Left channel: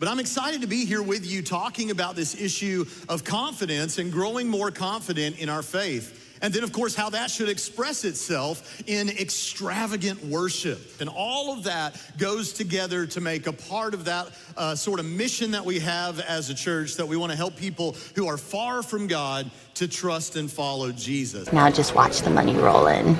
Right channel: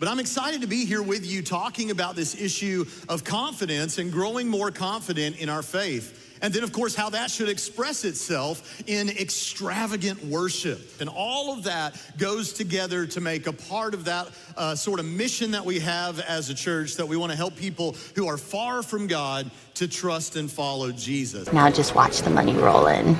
But I'm excited to be here with you talking about this issue of confidence and growing more confident in our faith. And then, of course, how that should express itself in extravagant worship. And all of that goes together to make a part of that sort of mission that we have as a church, that we want to help people who are far from God to trust and follow Jesus. Now just watch the money roll in.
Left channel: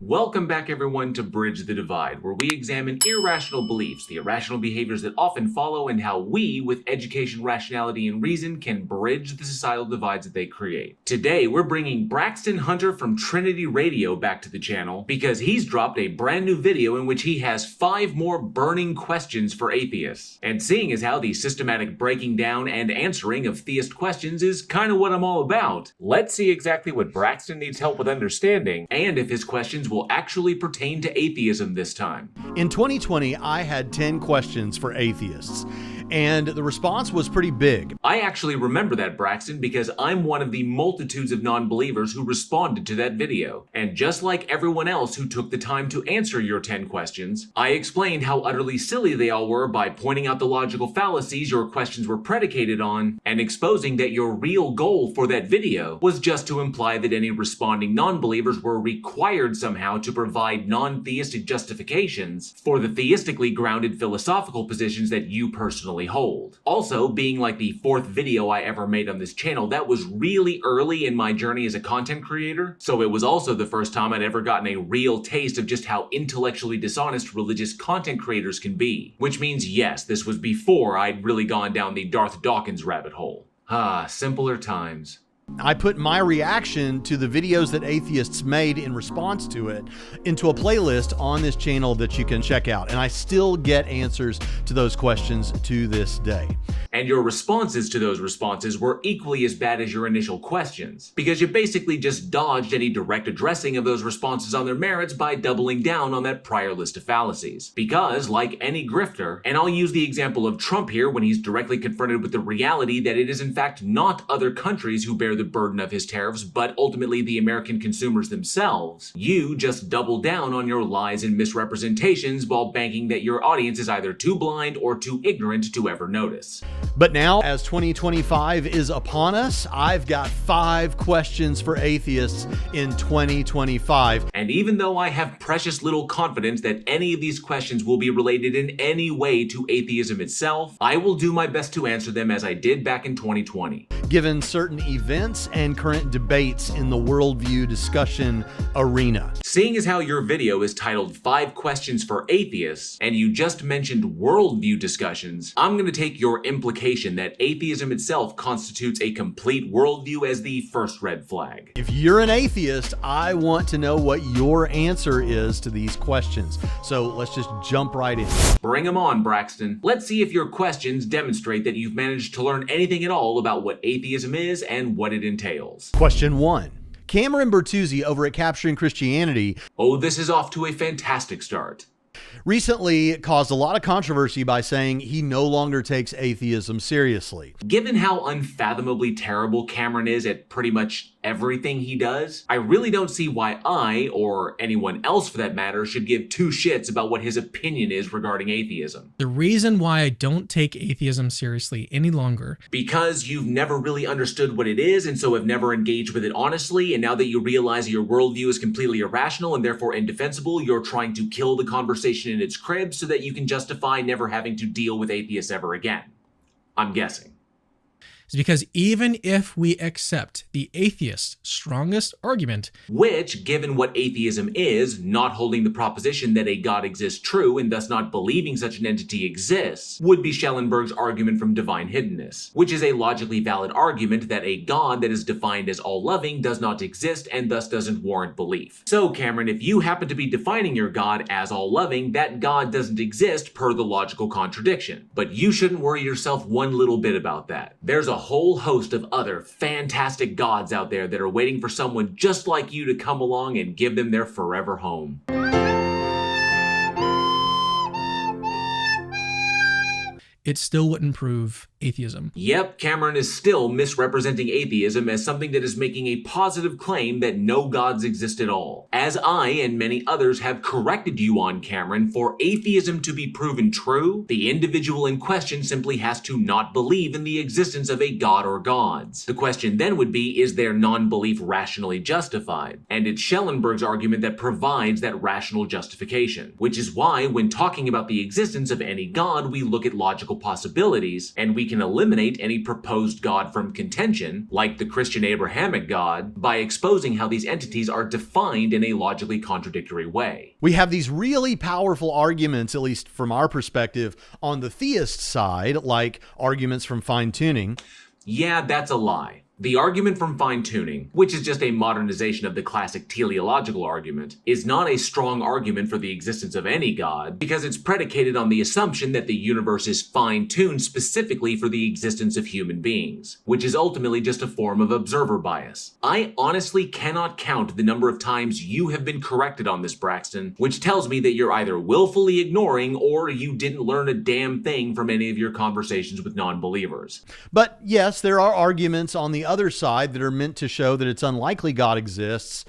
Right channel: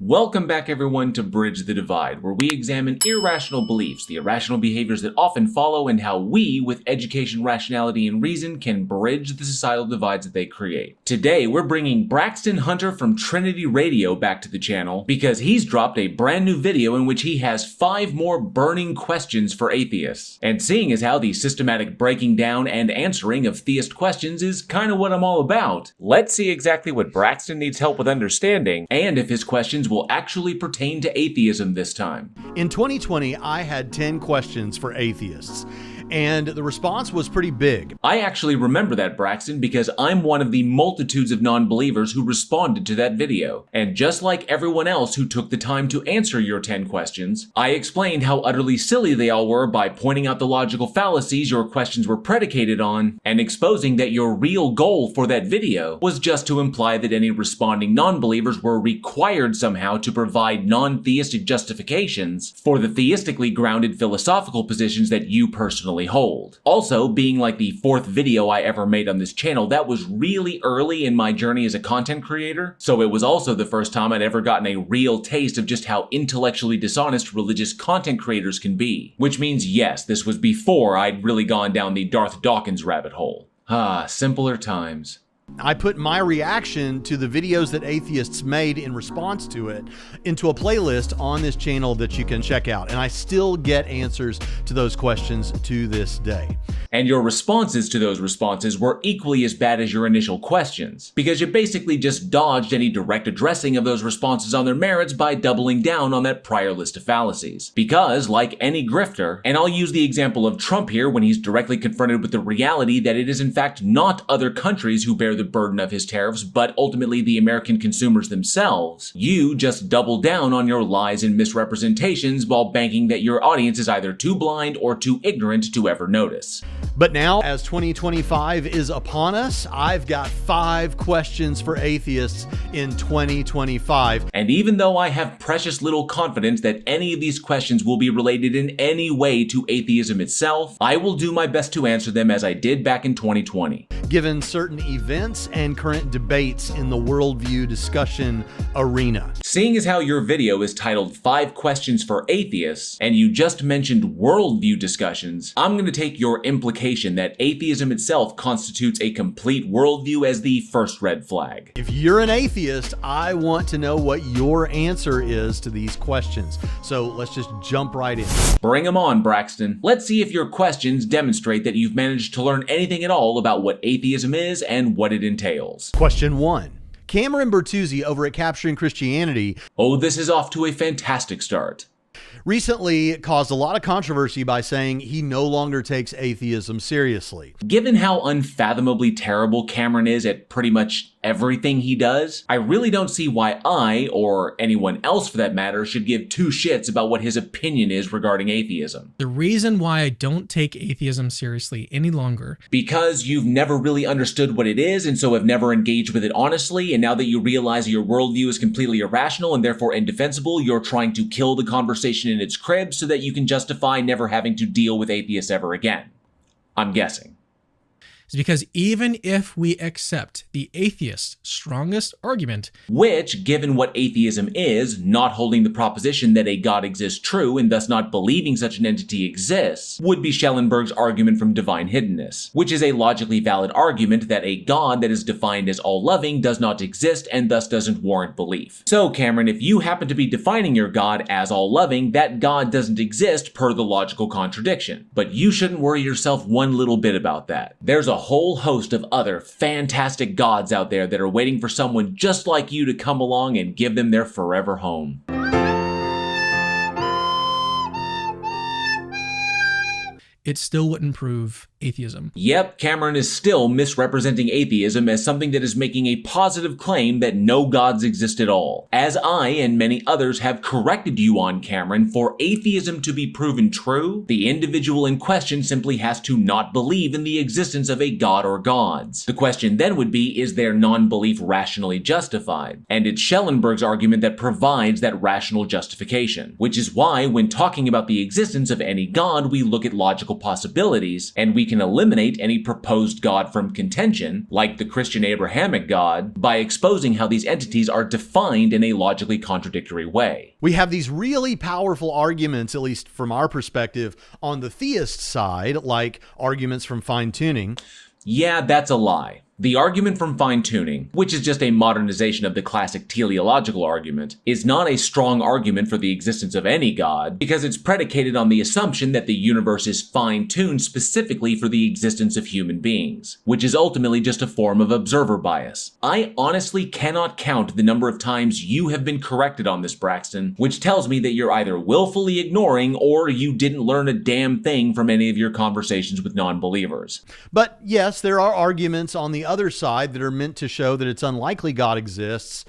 Welcome back, everyone, to Bridge the Divide, where we examine irrational beliefs, the irrational behaviors that often follow, and how we, with education, rationality, and reason, can bridge the societal divides that they create. Today, we're bringing Braxton Hunter from Trinity Radio back to the channel because he's dropped a brand new video in which he has 5 more burning questions for atheists. And seeing as how the systematic breaking down and answering of theist questions is kind of what I'm all about, let's see exactly what Braxton needs help with understanding, and if his questions will actually pertain to atheism this time. In 2020, I had 10 questions for atheists, and the response was pretty big. I actually remember that, Braxton, because I'm one of the multitudes of non-believers who responded to that video. And just like everyone else who took the time to answer your 10 questions, I explained how utterly silly they all were by pointing out the logical fallacies your questions were predicated on, and exposing that your real goal for that video was just to imply that any responding non-believers were required somehow to provide non-theistic justifications for the theistically grounded philosophical positions that you personally hold. Also, being like the 4th video I ever made on this channel, that was really early in my journey as a content creator, so it was also the first time I'd ever gotten a real taste of just how intellectually dishonest religious content creators can be. Which means, yes, this was before I'd really gone down the Dawkins rabbit hole. Ah, simpler times. I put my reaction to the videos that atheists made in response to it into a playlist on this channel that you can check out. And I still get answers to those questions to this day. And your responses to those responses were equally as bad as your initial questions, because you basically just dodged any direct addressing of those responses on their merits by doubling down on that prior list of fallacies. Because, like any grifter, and I'll use the example of Trump here when he's directly confronted with the reality that it is in fact not other countries who bear the burden of his tariffs, but ultimately the American consumers themselves, you just double down on your lies and misrepresentations while banking that your audience is either too blind or too ignorant to ever notice. But now, as 2025 is upon us, I've got 5 questions for atheists in 2025. And even though I have precious little confidence that any of these questions will be related in any way to atheism itself, I will do my best to answer them as I did back in 2020. Given certain events and current debates in the worldview discussion arena. Seeing as how your video is titled 5 Questions for Atheists, and you just mentioned worldview discussions, I'm going to take your implication that atheism itself constitutes a complete worldview as the first red flag. If you're an atheist, I want to know what your answer is to these questions. So let's just jump right in. Bring them on, Braxton. Let's see if your questions demonstrate that you've managed to learn anything at all about what atheism is and what it entails. Question 1. Cameron Bertuzzi over at Capturing Christianity. Oh, this is off to a fantastic start. Recently caused a lot of controversy by saying he no longer takes atheism seriously. Given how unfathomably terrible Cameron is at pretty much everything he does, I really don't see why I, or anyone else for that matter, should give 2 shits about what his opinion is regarding atheism. The reason why I don't take atheism seriously any longer. Because you've never really understood what it is and so have never engaged with it honestly, and now that you realize your worldview is completely irrational and therefore indefensible, you're trying to kill the conversation in its crib so that you can justify never having to deal with atheists ever again. I'm guessing. is because even if we accept the atheist's strongest argument, which, given what atheism is, not holding the proposition that a God exists true and thus not believing such an entity exists, would be Schellenberg's argument from divine hiddenness, which is a logically valid argument that a God that is defined as all-loving does not exist and thus doesn't warrant belief. So, Cameron, if you happen to be defining your God as all-loving, that God doesn't exist per the logical contradiction. But you shouldn't worry yourself one little bit about that. There's a whole host of other fantastic gods out there that are waiting for someone just like you to come along and give them their forever home. it still wouldn't prove atheism. Yep, Cameron is still misrepresenting atheism as something that is making a positive claim that no gods exist at all. As I and many others have corrected you on, Cameron, for atheism to be proven true, the individual in question simply has to not believe in the existence of a god or gods. The question then would be, is their non-belief rationally justified? And it's Schellenberg's argument that provides that rational justification, which is why when talking about the existence of any god, we look at logical possibilities, and we can eliminate any proposed god from contention, like the Christian Abrahamic God, by exposing how these entities are defined in a logically contradictory way. We have these really powerful arguments, at least from our perspective, on the theist side, like arguments from fine-tuning. Yeah, that's a lie. The argument from fine-tuning, which is just a modernization of the classic teleological argument, is not a strong argument for the existence of any god, because it's predicated on the assumption that the universe is fine-tuned specifically for the existence of human beings, which is ultimately just a form of observer bias. I honestly cannot count the number of times you have been corrected on this, Braxton, which tells me that you're either willfully ignoring or you didn't learn a damn thing from any of your conversations with non-believers. But yes, there are arguments on the other side that are meant to show that it's unlikely God exists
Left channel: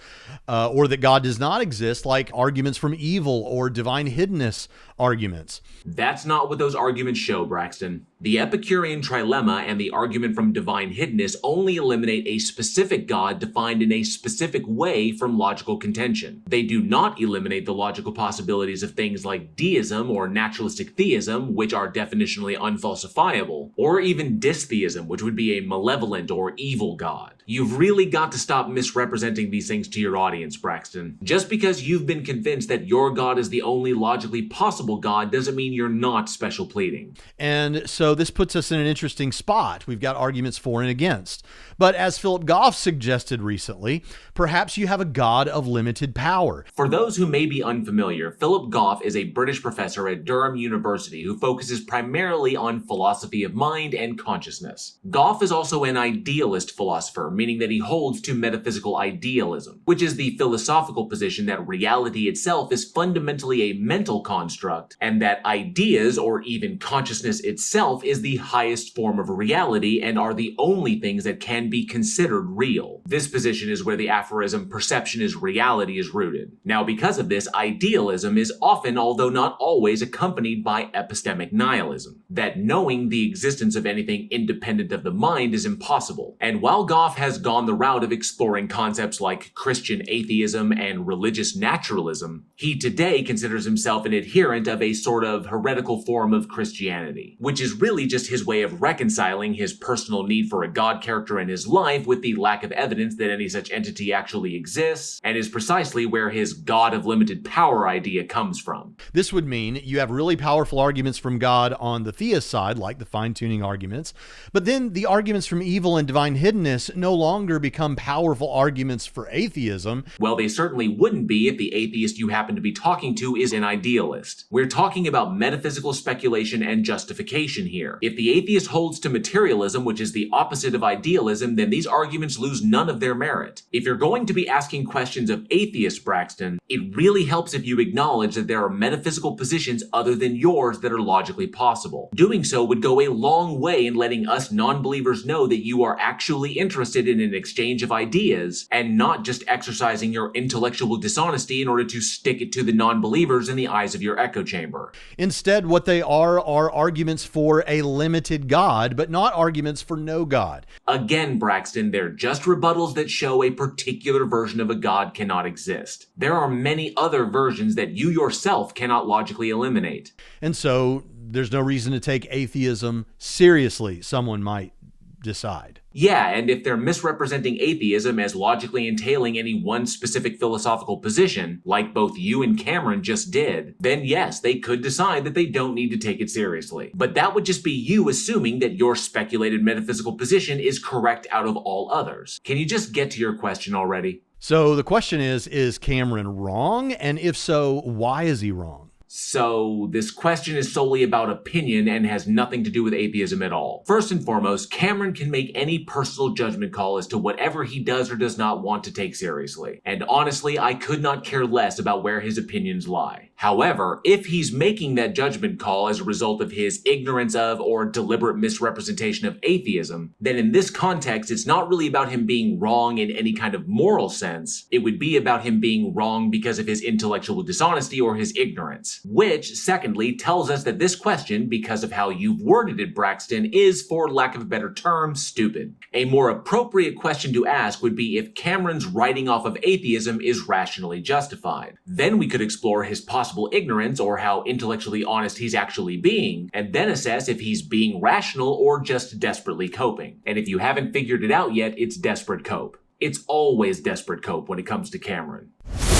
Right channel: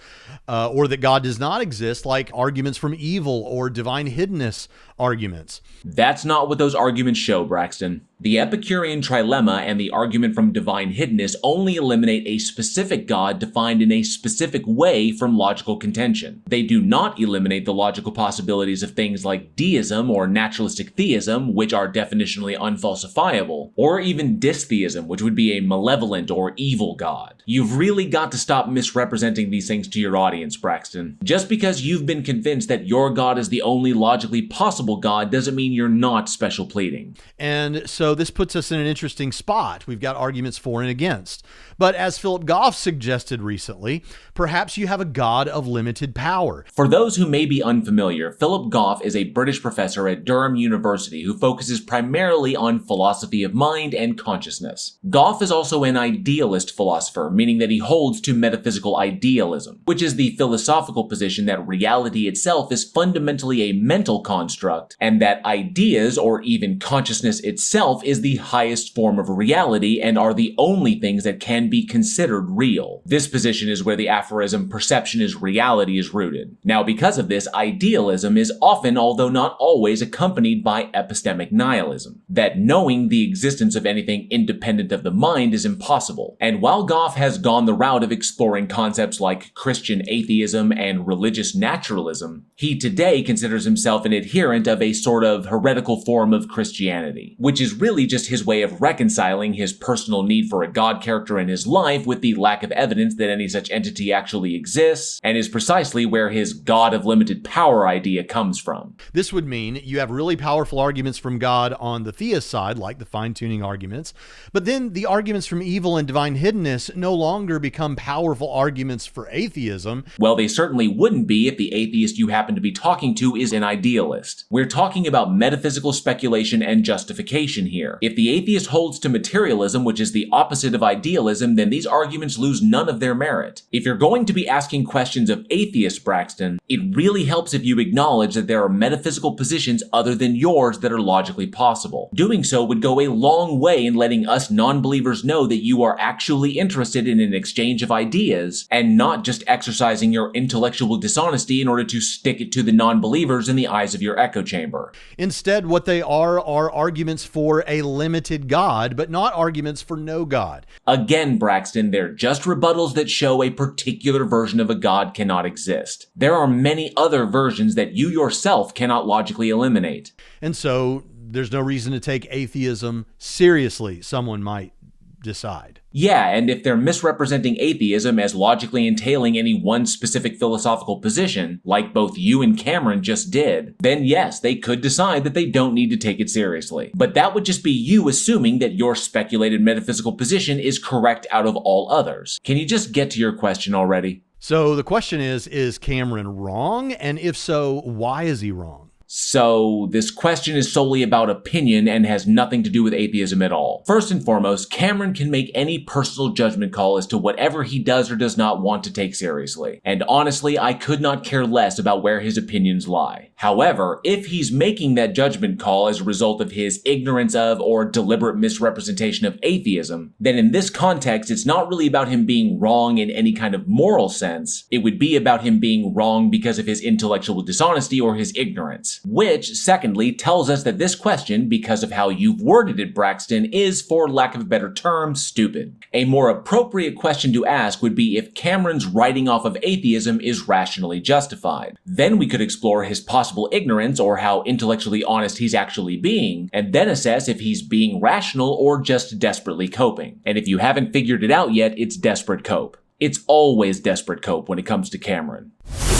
or that God does not exist, like arguments from evil or divine hiddenness arguments. That's not what those arguments show, Braxton. The Epicurean trilemma and the argument from divine hiddenness only eliminate a specific God defined in a specific way from logical contention. They do not eliminate the logical possibilities of things like deism or naturalistic theism, which are definitionally unfalsifiable, or even dystheism, which would be a malevolent or evil God. You've really got to stop misrepresenting these things to your audience, Braxton. Just because you've been convinced that your God is the only logically possible God doesn't mean you're not special pleading. And so this puts us in an interesting spot. We've got arguments for and against. But as Philip Goff suggested recently, perhaps you have a God of limited power. For those who may be unfamiliar, Philip Goff is a British professor at Durham University who focuses primarily on philosophy of mind and consciousness. Goff is also an idealist philosopher, meaning that he holds to metaphysical idealism, which is the philosophical position that reality itself is fundamentally a mental construct, and that ideas, or even consciousness itself, is the highest form of reality and are the only things that can be considered real. This position is where the aphorism "perception is reality" is rooted. Now, because of this, idealism is often, although not always, accompanied by epistemic nihilism, that knowing the existence of anything independent of the mind is impossible. And while Goff has gone the route of exploring concepts like Christian atheism and religious naturalism, he today considers himself an adherent of a sort of heretical form of Christianity, which is really just his way of reconciling his personal need for a God character in his life with the lack of evidence that any such entity actually exists, and is precisely where his God of limited power idea comes from. This would mean you have really powerful arguments from God on the theist side, like the fine-tuning arguments, but then the arguments from evil and divine hiddenness no longer become powerful arguments for atheism. Well, they certainly wouldn't be if the atheist you happen to be talking to is an idealist. We're talking about metaphysical speculation and justification here. If the atheist holds to materialism, which is the opposite of idealism, then these arguments lose none of their merit. If you're going to be asking questions of atheists, Braxton, it really helps if you acknowledge that there are metaphysical positions other than yours that are logically possible. Doing so would go a long way in letting us non-believers know that you are actually interested in an exchange of ideas and not just exercising your intellectual dishonesty in order to stick it to the non-believers in the eyes of your echo chamber. Instead, what they are arguments for a limited God, but not arguments for no God. Again, Braxton, they're just rebuttals that show a particular version of a God cannot exist. There are many other versions that you yourself cannot logically eliminate. And so there's no reason to take atheism seriously, someone might decide. Yeah, and if they're misrepresenting atheism as logically entailing any one specific philosophical position, like both you and Cameron just did, then yes, they could decide that they don't need to take it seriously. But that would just be you assuming that your speculated metaphysical position is correct out of all others. Can you just get to your question already? So the question is Cameron wrong? And if so, why is he wrong? So, this question is solely about opinion and has nothing to do with atheism at all. First and foremost, Cameron can make any personal judgment call as to whatever he does or does not want to take seriously. And honestly, I could not care less about where his opinions lie. However, if he's making that judgment call as a result of his ignorance of or deliberate misrepresentation of atheism, then in this context, it's not really about him being wrong in any kind of moral sense. It would be about him being wrong because of his intellectual dishonesty or his ignorance. Which, secondly, tells us that this question, because of how you've worded it, Braxton, is, for lack of a better term, stupid. A more appropriate question to ask would be if Cameron's writing off of atheism is rationally justified. Then we could explore his possible ignorance or how intellectually honest he's actually being, and then assess if he's being rational or just desperately coping. And if you haven't figured it out yet, it's desperate cope. It's always desperate cope when it comes to Cameron.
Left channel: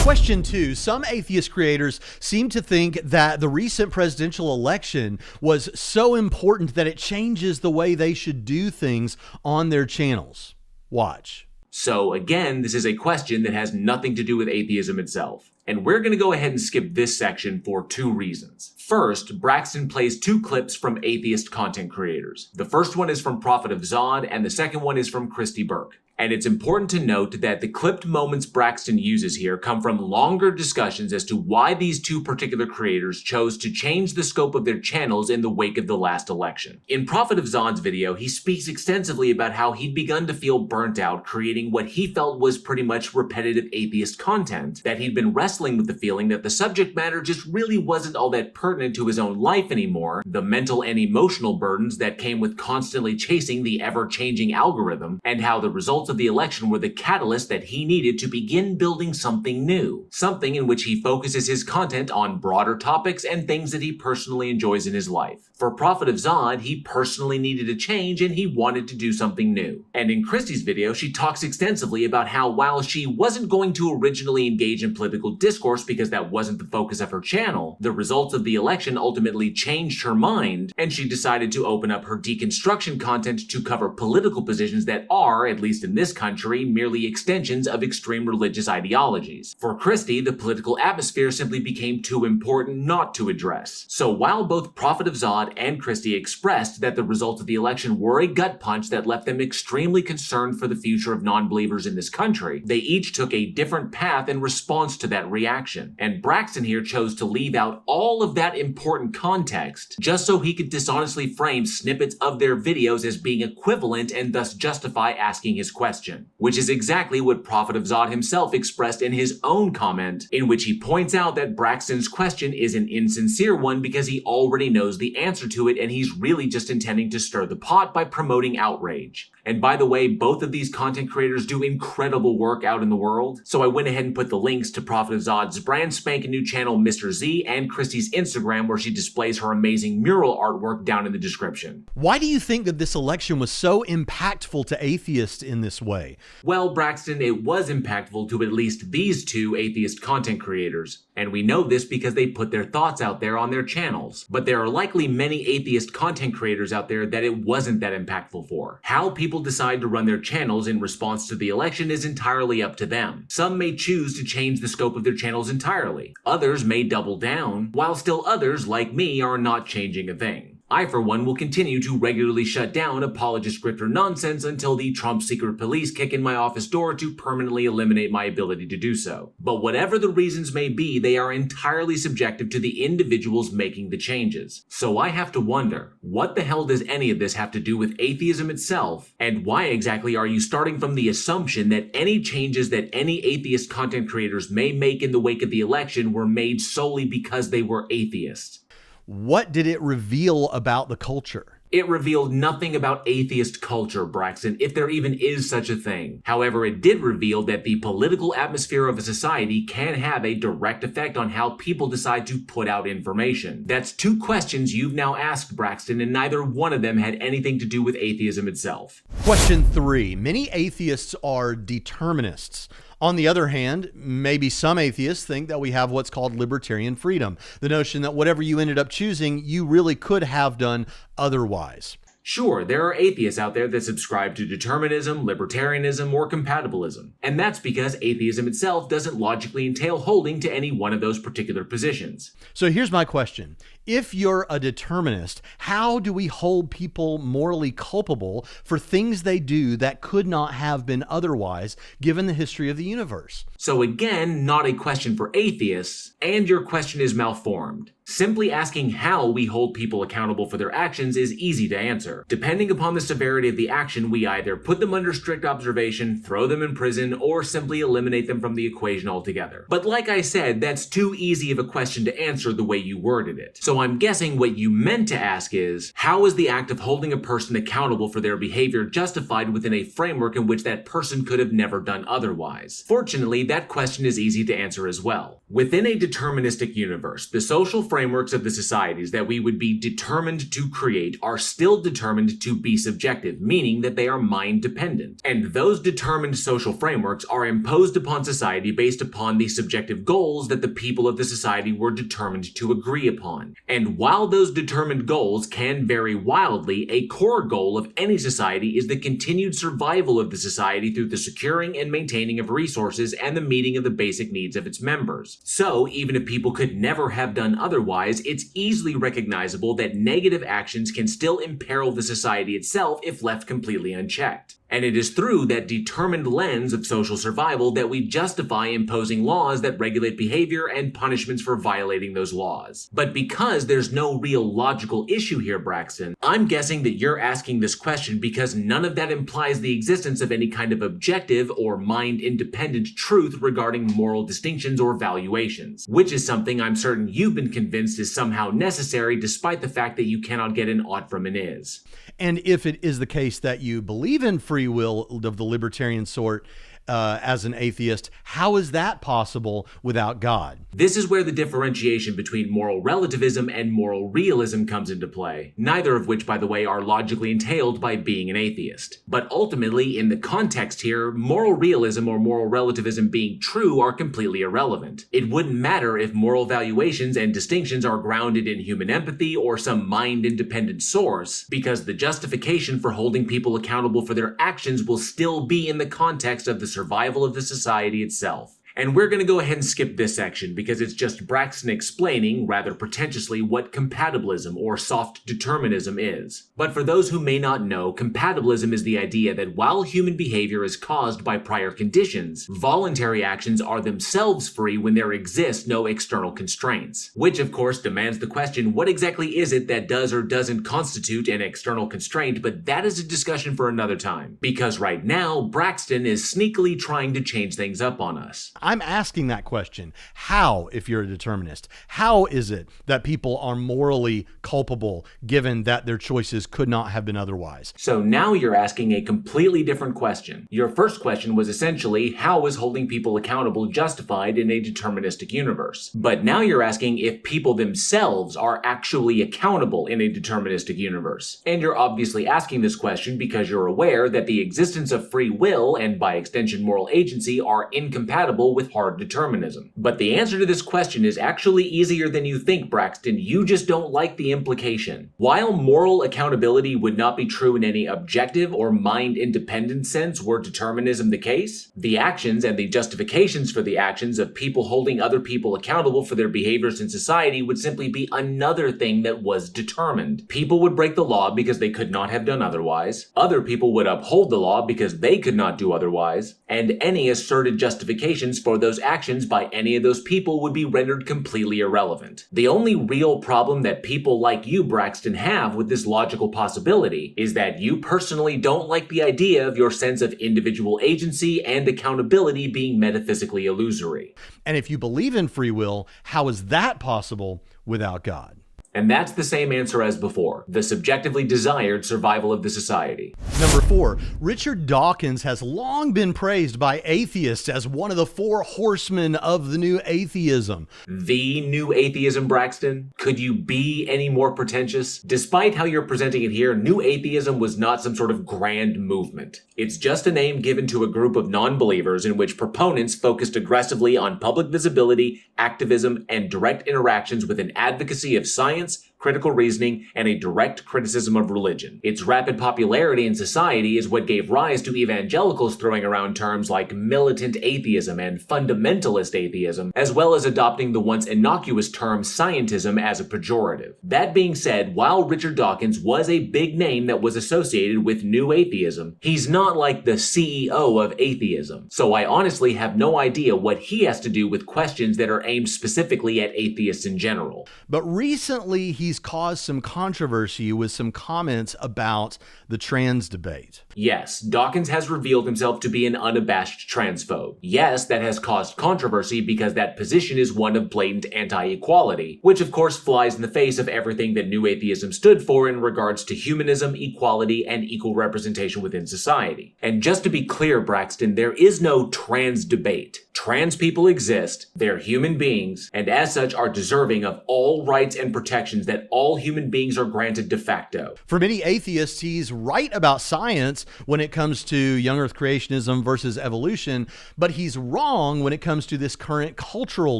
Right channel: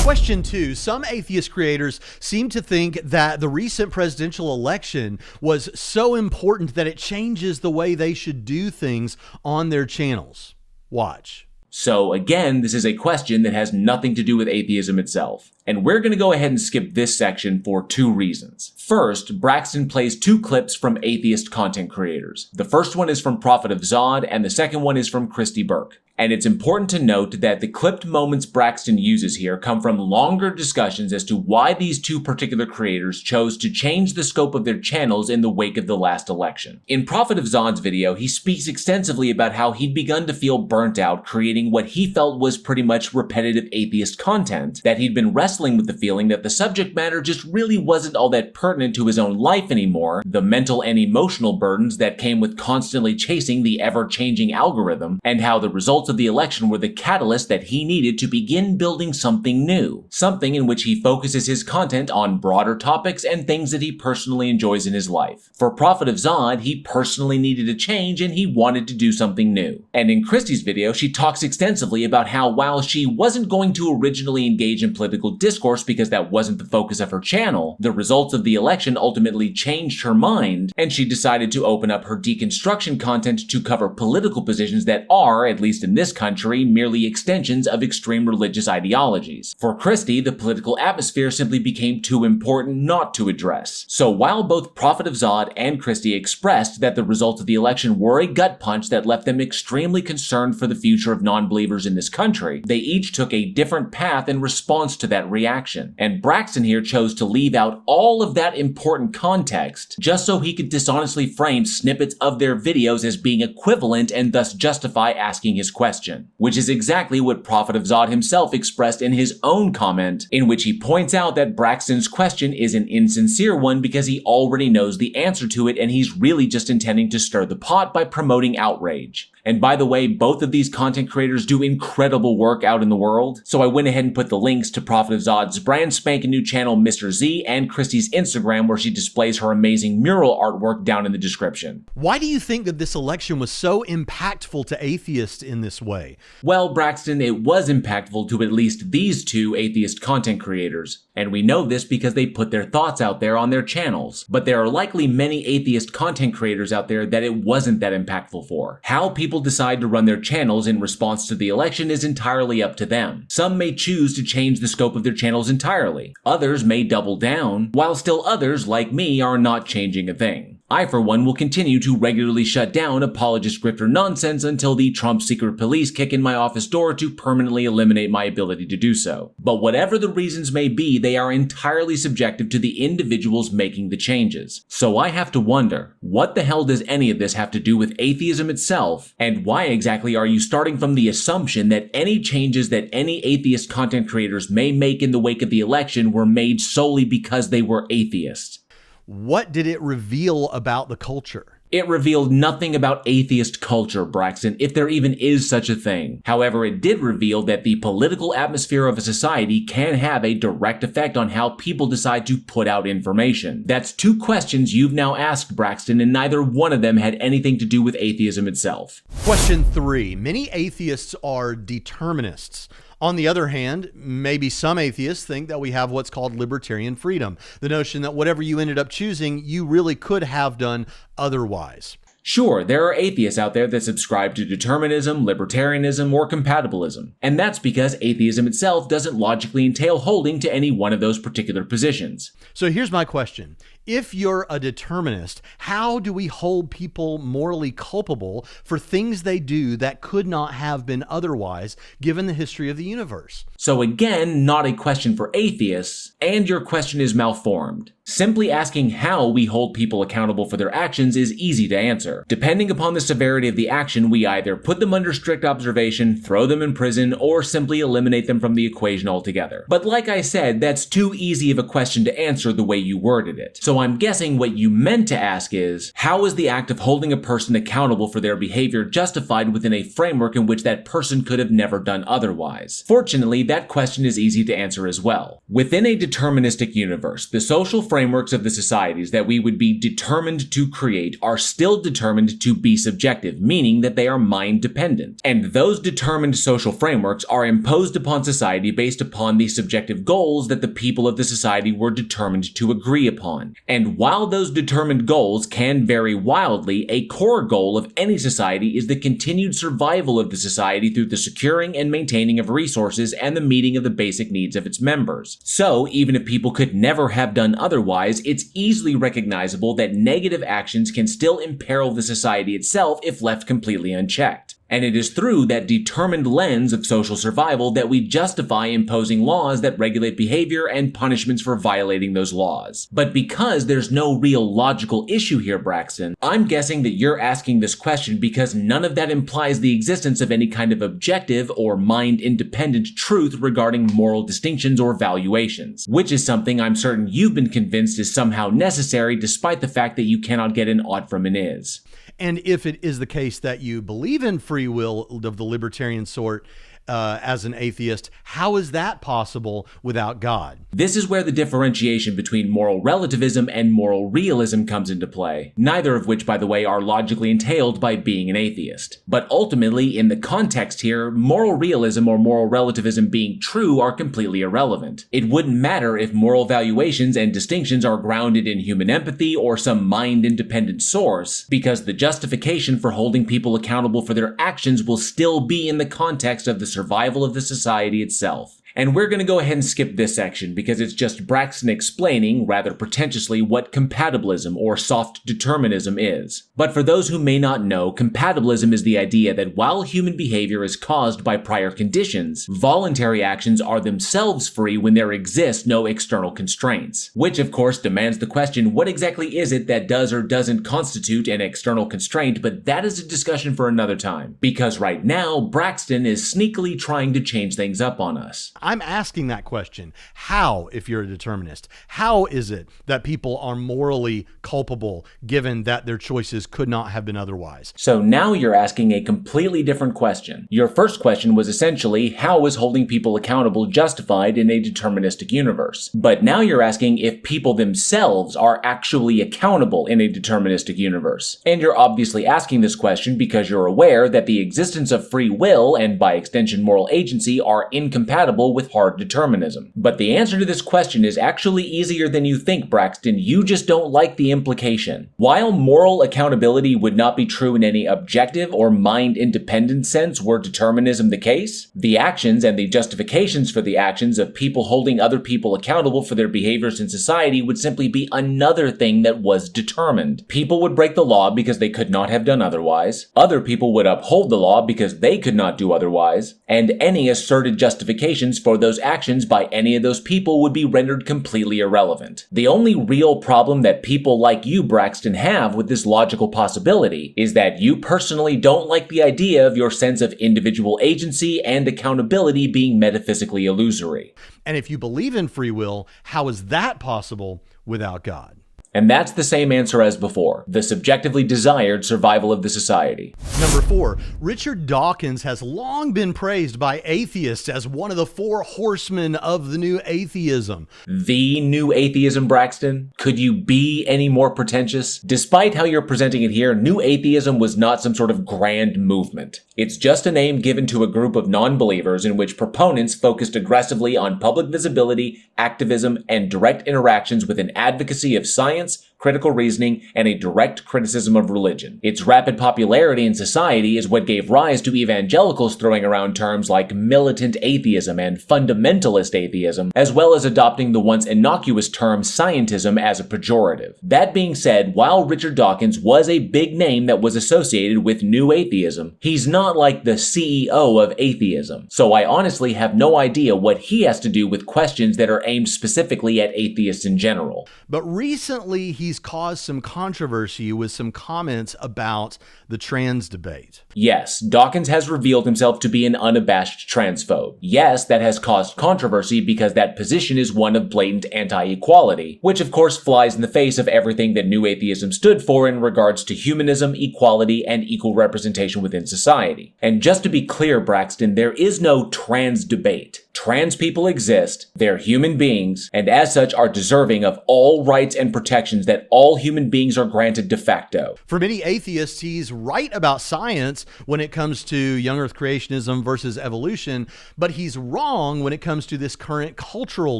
Question 2. Some atheist creators seem to think that the recent presidential election was so important that it changes the way they should do things on their channels. Watch. So again, this is a question that has nothing to do with atheism itself. And we're going to go ahead and skip this section for 2 reasons. First, Braxton plays 2 clips from atheist content creators. The first one is from Prophet of Zod, and the second one is from KRISTI BURKE. And it's important to note that the clipped moments Braxton uses here come from longer discussions as to why these 2 particular creators chose to change the scope of their channels in the wake of the last election. In Prophet of Zod's video, he speaks extensively about how he'd begun to feel burnt out creating what he felt was pretty much repetitive atheist content, that he'd been wrestling with the feeling that the subject matter just really wasn't all that pertinent to his own life anymore, the mental and emotional burdens that came with constantly chasing the ever-changing algorithm, and how the results of the election were the catalyst that he needed to begin building something new, something in which he focuses his content on broader topics and things that he personally enjoys in his life. For Prophet of Zod, he personally needed a change and he wanted to do something new. And in KRISTI's video, she talks extensively about how while she wasn't going to originally engage in political discourse because that wasn't the focus of her channel, the results of the election ultimately changed her mind, and she decided to open up her deconstruction content to cover political positions that are, at least in this country, merely extensions of extreme religious ideologies. For KRISTI, the political atmosphere simply became too important not to address. So while both Prophet of Zod and KRISTI expressed that the results of the election were a gut punch that left them extremely concerned for the future of non-believers in this country, they each took a different path in response to that reaction. And Braxton here chose to leave out all of that important context just so he could dishonestly frame snippets of their videos as being equivalent and thus justify asking his question, which is exactly what Prophet of Zod himself expressed in his own comment, in which he points out that Braxton's question is an insincere one because he already knows the answer to it and he's really just intending to stir the pot by promoting outrage. And by the way, both of these content creators do incredible work out in the world, so I went ahead and put the links to Prophet of Zod's brand spanking new channel Mr. Z and KRISTI's Instagram where she displays her amazing mural artwork down in the description. Why do you think that this election was so impactful to atheists in this way? Well, Braxton, it was impactful to at least these 2 atheist content creators, and we know this because they put their thoughts out there on their channels. But there are likely many atheist content creators out there that it wasn't that impactful for. How people decide to run their channels in response to the election is entirely up to them. Some may choose to change the scope of their channels entirely. Others may double down, while still others, like me, are not changing a thing. I, for one, will continue to regularly shut down apologist grifter nonsense until the Trump secret police kick in my office door to permanently eliminate my ability to do so. But whatever the reasons may be, they are entirely subjective to the individuals making the changes. So I have to wonder, what the hell does any of this have to do with atheism itself? And why exactly are you starting from the assumption that any changes that any atheist content creators may make in the wake of the election were made solely because they were atheists? What did it reveal about the culture? It revealed nothing about atheist culture, Braxton, if there even is such a thing. However, it did reveal that the political atmosphere of a society can have a direct effect on how people decide to put out information. That's 2 questions you've now asked, Braxton, and neither one of them had anything to do with atheism itself. Question 3. Many atheists are determinists. On the other hand, maybe some atheists think that we have what's called libertarian freedom, the notion that whatever you ended up choosing, you really could have done otherwise. Sure, there are atheists out there that subscribe to determinism, libertarianism, or compatibilism, and that's because atheism itself doesn't logically entail holding to any one of those particular positions. So here's my question. If you're a determinist, how do we hold people morally culpable for things they do that could not have been otherwise, given the history of the universe? So again, not a question for atheists, and your question is malformed. Simply asking how we hold people accountable for their actions is easy to answer. Depending upon the severity of the action, we either put them under strict observation, throw them in prison, or simply eliminate them from the equation altogether. But like I said, that's too easy of a question to answer the way you worded it. So I'm guessing what you meant to ask is, how is the act of holding a person accountable for their behavior justified within a framework in which that person could have never done otherwise? Fortunately, that question is easy to answer as well. Within a deterministic universe, the social frameworks of the societies that we would be determined to create are still determined to be subjective, meaning that they are mind dependent. And those determined social frameworks are imposed upon society based upon the subjective goals that the people of the society were determined to agree upon. And while those determined goals can vary wildly, a core goal of any society is the continued survival of the society through the securing and maintaining of resources and the meeting of the basic needs of its members. So, even if people could never have done otherwise, it's easily recognizable that negative actions can still imperil the society itself if left completely unchecked. And it is through that determined lens of social survival that we justify imposing laws that regulate behavior and punishments for violating those laws. But because there's no real logical issue here, Braxton, I'm guessing that you're asking this question because none of that implies the existence of any kind of objective or mind-independent truth regarding moral distinctions or valuations, which is something I'm certain you've been convinced is somehow necessary despite the fact that you cannot get an ought from an is. And if it is the case that you believe in free will of the libertarian sort, as an atheist, how is that possible without God? This is where the differentiation between moral relativism and moral realism comes into play, neither of which, by the way, are logically entailed by being an atheist. But ultimately, in the context here, moral realism or moral relativism being true are completely irrelevant. It wouldn't matter if moral valuations and distinctions are grounded in human empathy or some mind-independent source, because the justification for holding people accountable for their actions will still be in the context of the survival of the society itself. And we're going to go ahead and skip this section because it's just Braxton explaining, rather pretentiously, what compatibilism or soft determinism is. But for those who may not know, compatibilism is the idea that while human behavior is caused by prior conditions, voluntary actions are themselves free when there exist no external constraints. Which, of course, demands the question, what exactly is it that does or doesn't constitute an external constraint? But that is a discussion for another time. Because right now, Braxton is sneakily trying to change things up on us. I'm asking that question. How, if you're a determinist, how is it that people are morally culpable given that their choices could not have been otherwise? So now you're asking a completely different question. Your first question was essentially, how is holding people accountable justified in a deterministic universe? But now you're asking if people themselves are actually accountable in a deterministic universe. And you're obviously asking this question because you're aware that the existence of free will and by extension moral agency are incompatible with hard determinism. But the answer to this question is actually easier than you think, Braxton. You just don't like the implication. While moral accountability would not be true in any objective or mind-independent sense were determinism the case, the actions and the justifications for the actions of people holding other people accountable for their behaviors in society would simply be another thing that was determined. People would break the law because they could not have done otherwise. Other people would uphold the law because they could not do otherwise. And any asserted justifications for those actions by any of those people would be rendered completely irrelevant. The only real problem that people like you, Braxton, have with this logical possibility is that you personally don't like the idea of your sense of individual agency and accountability being metaphysically illusory. And if you believe in free will, how is that possible without God? And that's the same answer as before, the subjectively desired survival of the society. Number 4, Richard Dawkins has long been praised by atheists as one of the 4 horsemen of the new atheism. The new atheism, Braxton? Could you be any more pretentious? Despite how you're presenting it here, new atheism was not some sort of grand movement. It's just a name given to a group of non-believers in which proponents focused aggressively on public visibility, activism, and direct interactions with an advocacy of science, critical reasoning, and a direct criticism of religion. Its rapid popularity in society is what gave rise to evangelicals throwing around terms like militant atheism and fundamentalist atheism, as well as adopting the once innocuous term scientism as a pejorative. That being said, while Richard Dawkins was a big name that was associated with new atheism, he's not like the CEO of atheism, so I honestly have no idea what he has to do with questions that are aimed specifically at atheists in general. But recently, he's caused some controversy with some comments about the trans debate. Yes, Dawkins has revealed himself to be an unabashed transphobe. Yes, that has caused controversy because that position is one of blatant anti-equality, which of course flies in the face of everything that New Atheism stood for in regards to humanism, equality, and equal representation within society. And just to be clear, Braxton, there is no trans debate. Trans people exist, they're human beings, and as such are deserving of all rights and protections that all human beings are granted de facto. For many atheists, he's right about science when it comes to young earth creationism versus evolution, but he's wrong when it comes to this current cultural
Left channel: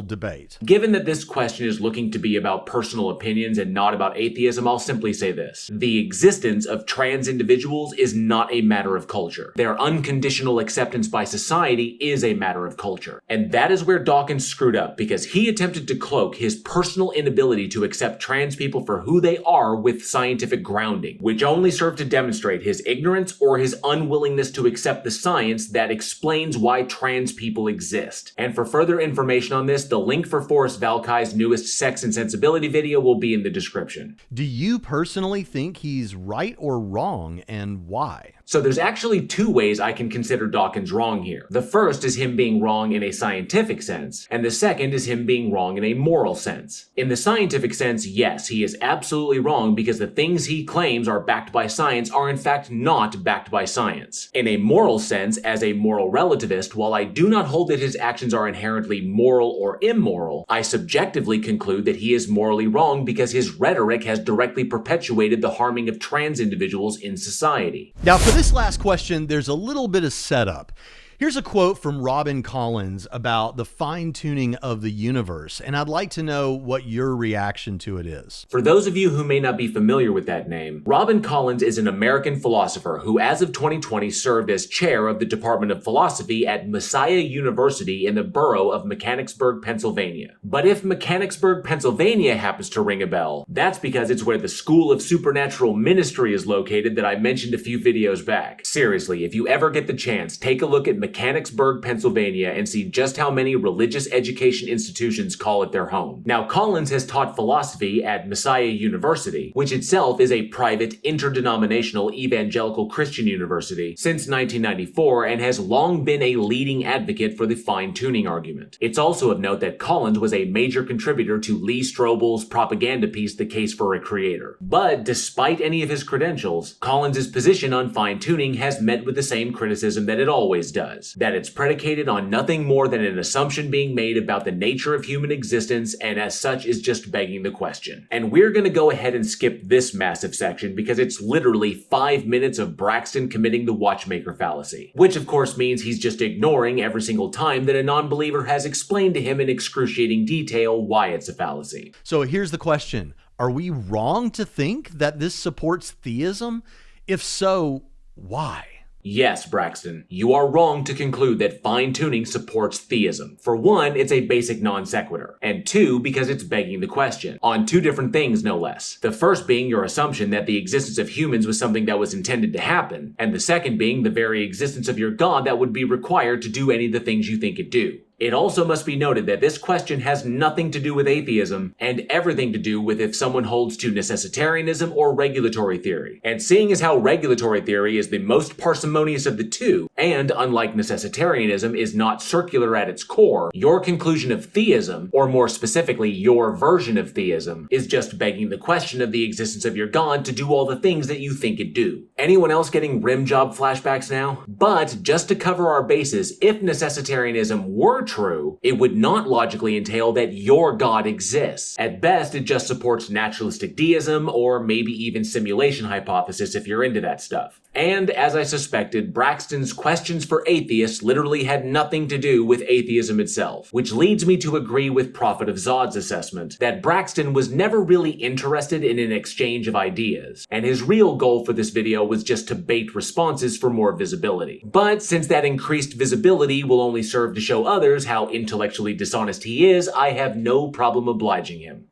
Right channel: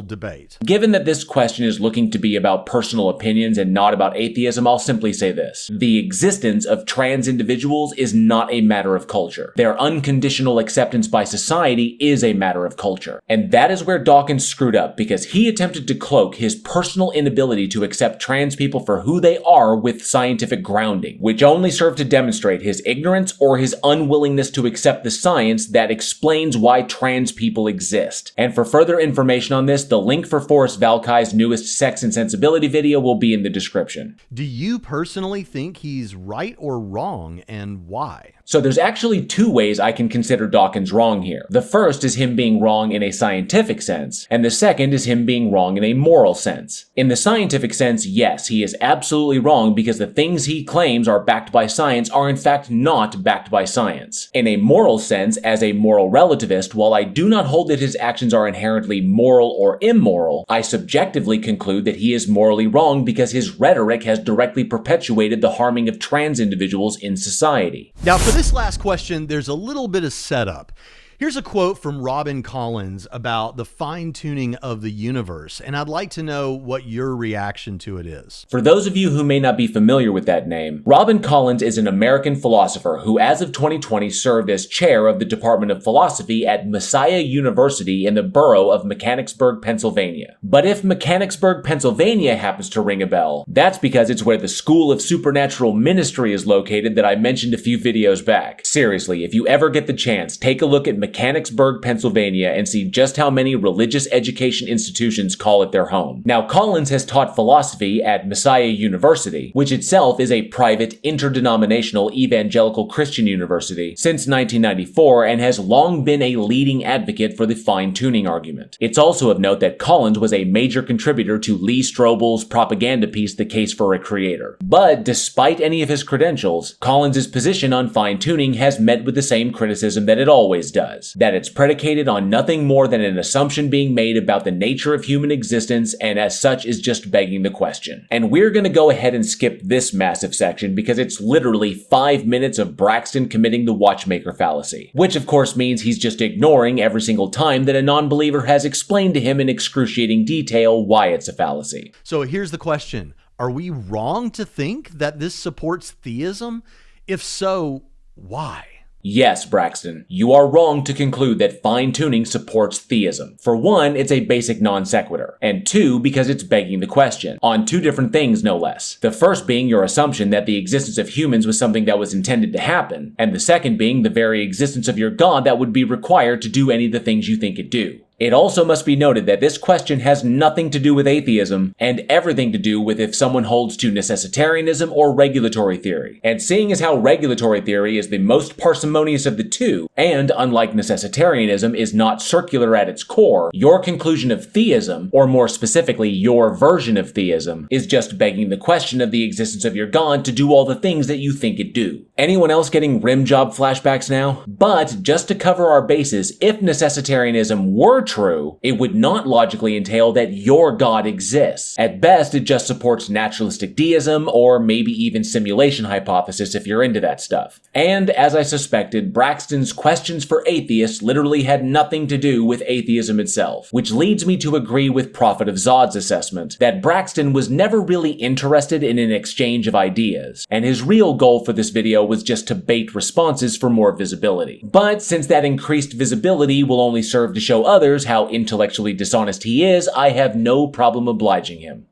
debate. Given that this question is looking to be about personal opinions and not about atheism, I'll simply say this. The existence of trans individuals is not a matter of culture. Their unconditional acceptance by society is a matter of culture. And that is where Dawkins screwed up, because he attempted to cloak his personal inability to accept trans people for who they are with scientific grounding, which only served to demonstrate his ignorance or his unwillingness to accept the science that explains why trans people exist. And for further information on this, the link for Forrest Valkai's newest Sex and Sensibility video will be in the description. Do you personally think he's right or wrong, and why? So there's actually two ways I can consider Dawkins wrong here. The first is him being wrong in a scientific sense, and the second is him being wrong in a moral sense. In the scientific sense, yes, he is absolutely wrong because the things he claims are backed by science are in fact not backed by science. In a moral sense, as a moral relativist, while I do not hold that his actions are inherently moral or immoral, I subjectively conclude that he is morally wrong because his rhetoric has directly perpetuated the harming of trans individuals in society. Now, for this last question, there's a little bit of setup. Here's a quote from Robin Collins about the fine-tuning of the universe, and I'd like to know what your reaction to it is. For those of you who may not be familiar with that name, Robin Collins is an American philosopher who as of 2020 served as chair of the Department of Philosophy at Messiah University in the borough of Mechanicsburg, Pennsylvania. But if Mechanicsburg, Pennsylvania happens to ring a bell, that's because it's where the School of Supernatural Ministry is located that I mentioned a few videos back. Seriously, if you ever get the chance, take a look at Mechanicsburg, Pennsylvania, and see just how many religious education institutions call it their home. Now, Collins has taught philosophy at Messiah University, which itself is a private, interdenominational evangelical Christian university, since 1994 and has long been a leading advocate for the fine-tuning argument. It's also of note that Collins was a major contributor to Lee Strobel's propaganda piece, The Case for a Creator. But despite any of his credentials, Collins' position on fine-tuning has met with the same criticism that it always does. That it's predicated on nothing more than an assumption being made about the nature of human existence, and as such is just begging the question. And we're gonna go ahead and skip this massive section because it's literally 5 minutes of Braxton committing the watchmaker fallacy, which of course means he's just ignoring every single time that a non-believer has explained to him in excruciating detail why it's a fallacy. So here's the question. Are we wrong to think that this supports theism? If so, why? Yes, Braxton, you are wrong to conclude that fine-tuning supports theism. For one, it's a basic non sequitur, and two, because it's begging the question, on two different things no less. The first being your assumption that the existence of humans was something that was intended to happen, and the second being the very existence of your God that would be required to do any of the things you think it do. It also must be noted that this question has nothing to do with atheism and everything to do with if someone holds to necessitarianism or regulatory theory. And seeing as how regulatory theory is the most parsimonious of the two, and unlike necessitarianism is not circular at its core, your conclusion of theism, or more specifically your version of theism, is just begging the question of the existence of your God to do all the things that you think it do. Anyone else getting rim job flashbacks now? But just to cover our bases, if necessitarianism were true, it would not logically entail that your God exists. At best, it just supports naturalistic deism, or maybe even simulation hypothesis if you're into that stuff. And as I suspected, Braxton's questions for atheists literally had nothing to do with atheism itself, which leads me to agree with Prophet of Zod's assessment that Braxton was never really interested in an exchange of ideas, and his real goal for this video was just to bait responses for more visibility. But since that increased visibility will only serve to show others how intellectually dishonest he is, I have no problem obliging him.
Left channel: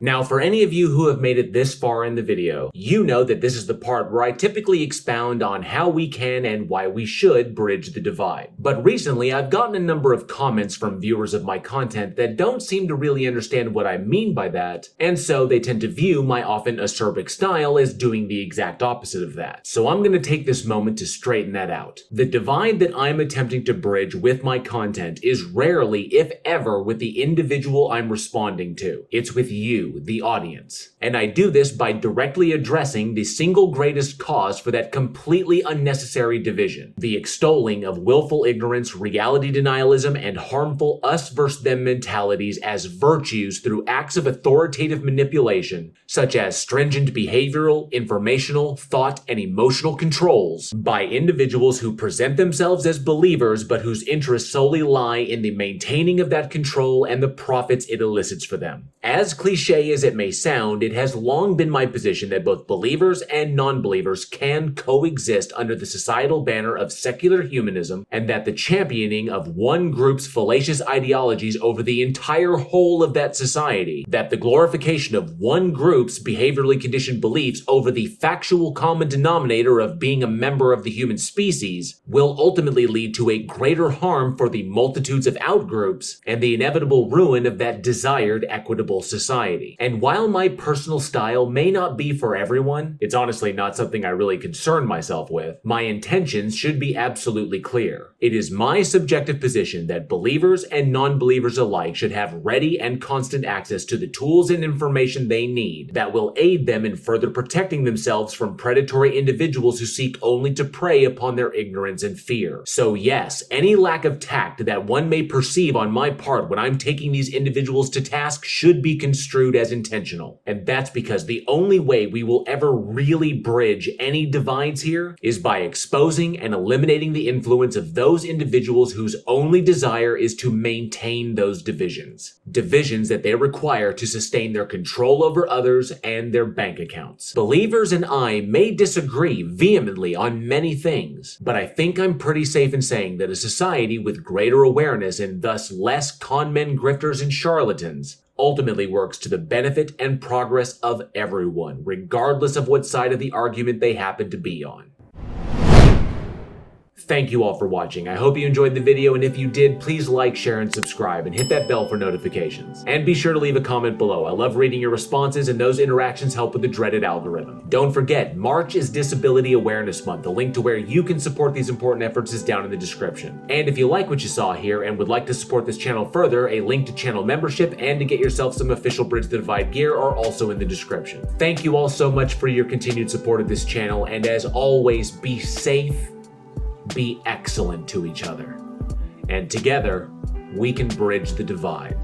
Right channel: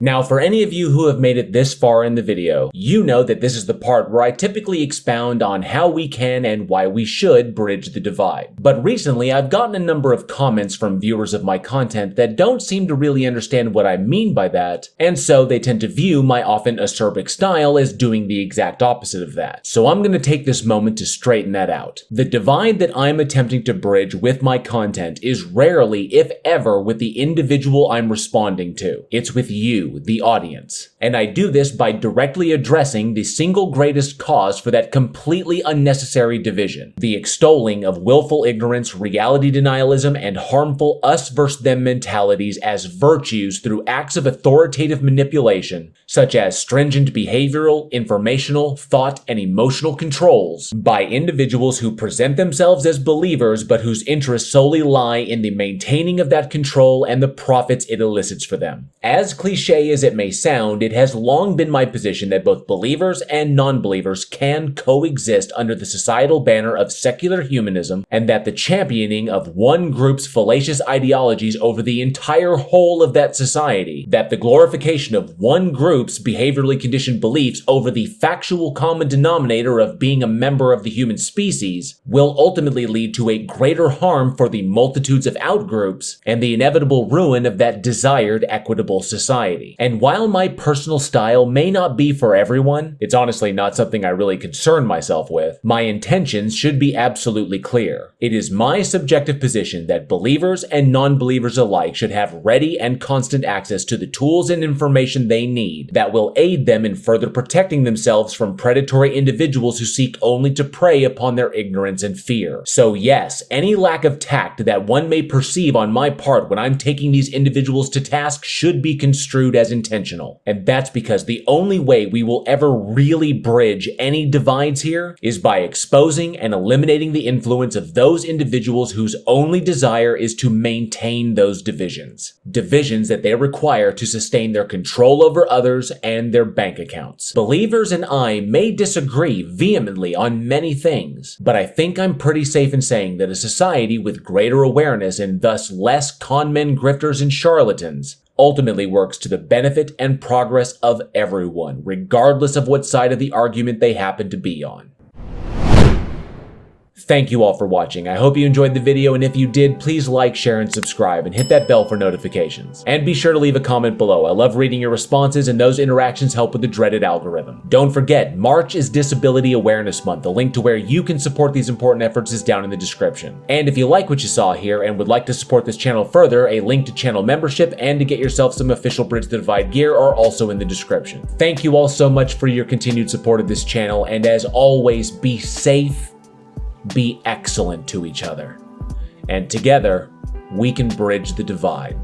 Now, for any of you who have made it this far in the video, you know that this is the part where I typically expound on how we can and why we should bridge the divide. But recently, I've gotten a number of comments from viewers of my content that don't seem to really understand what I mean by that, and so they tend to view my often acerbic style as doing the exact opposite of that. So I'm going to take this moment to straighten that out. The divide that I'm attempting to bridge with my content is rarely, if ever, with the individual I'm responding to. It's with you, the audience. And I do this by directly addressing the single greatest cause for that completely unnecessary division: the extolling of willful ignorance, reality denialism, and harmful us versus them mentalities as virtues through acts of authoritative manipulation, such as stringent behavioral, informational, thought, and emotional controls by individuals who present themselves as believers but whose interests solely lie in the maintaining of that control and the profits it elicits for them. As cliche as it may sound, it has long been my position that both believers and non-believers can coexist under the societal banner of secular humanism, and that the championing of one group's fallacious ideologies over the entire whole of that society, that the glorification of one group's behaviorally conditioned beliefs over the factual common denominator of being a member of the human species, will ultimately lead to a greater harm for the multitudes of outgroups and the inevitable ruin of that desired equitable society. And while my personal style may not be for everyone, it's honestly not something I really concern myself with, my intentions should be absolutely clear. It is my subjective position that believers and non-believers alike should have ready and constant access to the tools and information they need that will aid them in further protecting themselves from predatory individuals who seek only to prey upon their ignorance and fear. So yes, any lack of tact that one may perceive on my part when I'm taking these individuals to task should be construed as intentional. And that's because the only way we will ever really bridge any divides here is by exposing and eliminating the influence of those individuals whose only desire is to maintain those divisions. Divisions that they require to sustain their control over others and their bank accounts. Believers and I may disagree vehemently on many things, but I think I'm pretty safe in saying that a society with greater awareness and thus less conmen, grifters, and charlatans ultimately works to the benefit and progress of everyone, regardless of what side of the argument they happen to be on. Thank you all for watching. I hope you enjoyed the video, and if you did, please like, share, and subscribe, and hit that bell for notifications. And be sure to leave a comment below. I love reading your responses, and those interactions help with the dreaded algorithm. Don't forget, March is Disability Awareness Month. The link to where you can support these important efforts is down in the description. And if you like what you saw here and would like to support this channel further, a link to channel membership and to get yourself some official Bridge the Divide gear are also in the description. Thank you all so much for your continued support of this channel, and as always, be safe, be excellent to each other, and together we can bridge the divide.